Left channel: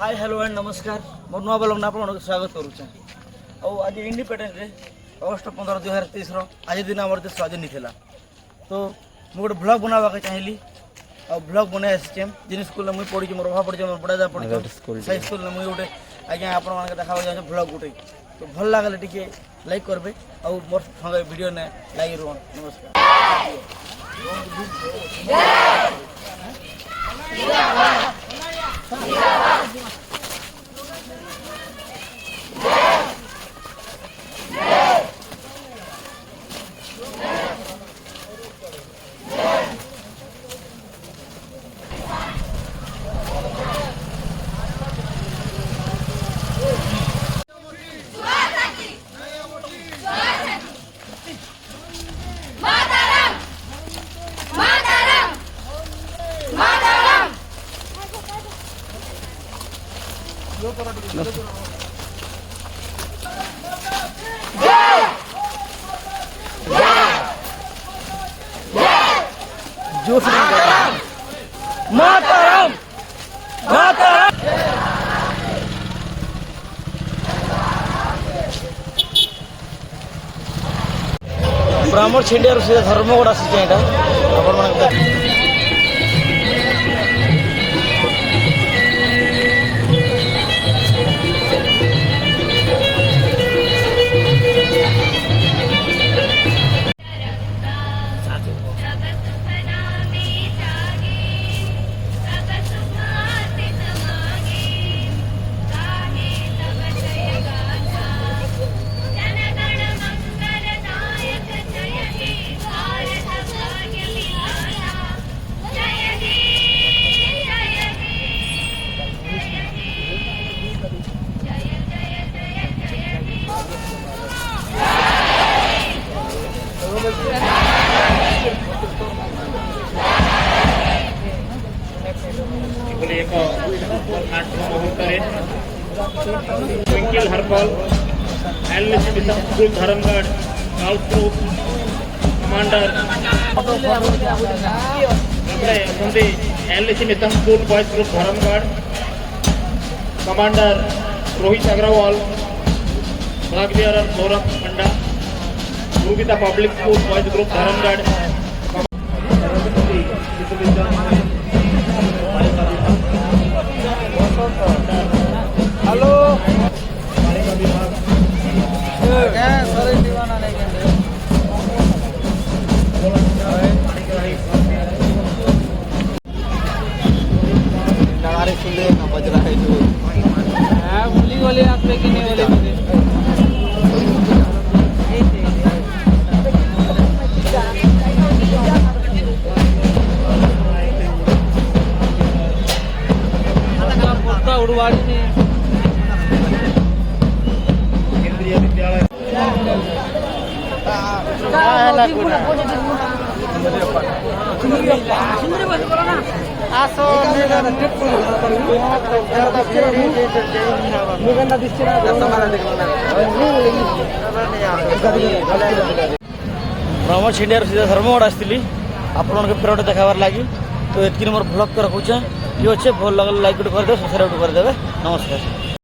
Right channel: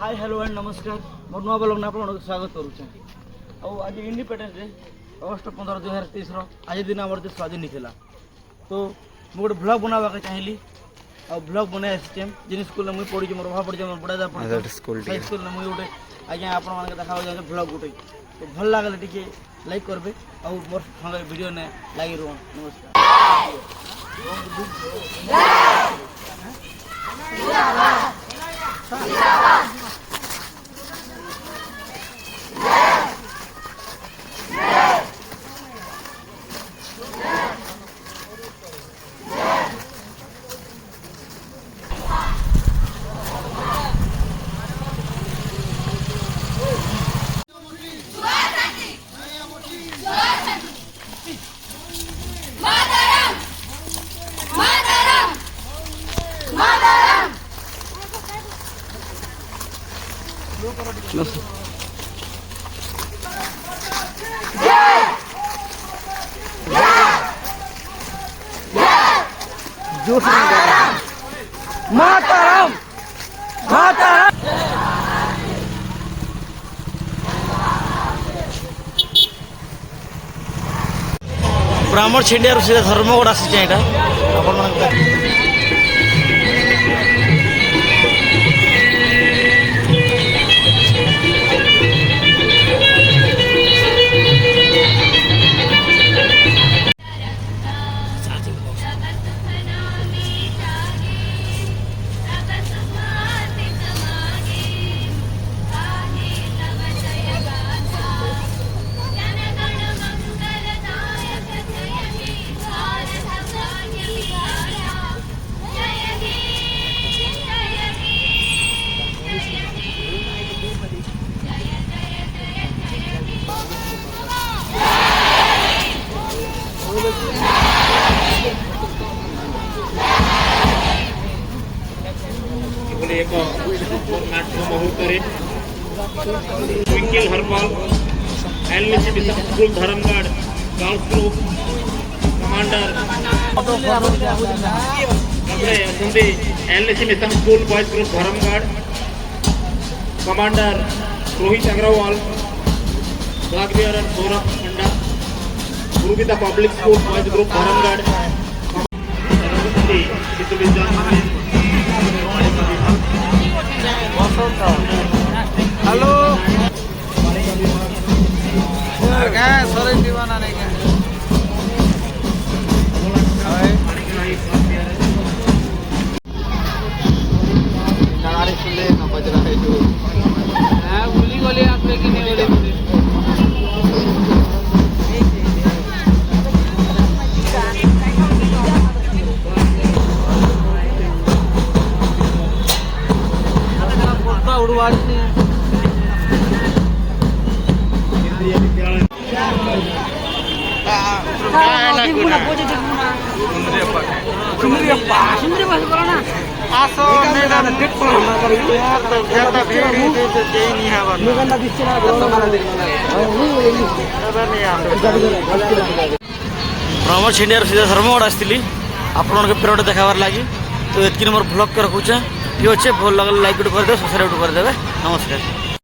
Hi hello and नमस्कार मोर नुआ ब्लॉग आप स्वागत करुचे आज इंडिपेंडेंस डे अगस्ट 15 2023 आज दिन आम देश स्वाधीन होता तो मुझे गोटे ब्लॉग बनावा चाहिए और ब्लॉग बन आसी जिन स्कूल में मुझे पढ़ी मोर भाव पढ़ी मोर बड़ा पढ़ी से स्कूल में मुझे गोटे आज्ञा आप देखा चाहिए ब्लॉग गोटे तो भल लगे टी लाइक करेंगे और मोर संग वीडियो ने लाइक रुहन नमस्कार। मातरम मातरम ब्राह्मण छिंडिया सीधा धर्मगढ़ आसी आपण Twinkle Herbal and Mr. Bishampur Dharamgad, Golf Group, Commander Sunday and Mr. Bishampur Boys Group Dharamgad, Commander Rohit Agrawal, Flag Bearer Saurabh Panda, Gurugita Public School Boys Group Dharamgad, hello sorry दीवाना नहीं क्या उड़वाड़ी ने आसो ब्राह्मण छिंडिया सीधा धर्मगढ़ आसती आपण पेड़ देखाबार लगी तो ये मोर ब्लॉग के रखुचे ये अच्छे भल लगे लाइक करदे सब्सक्राइब करदे नमस्कार।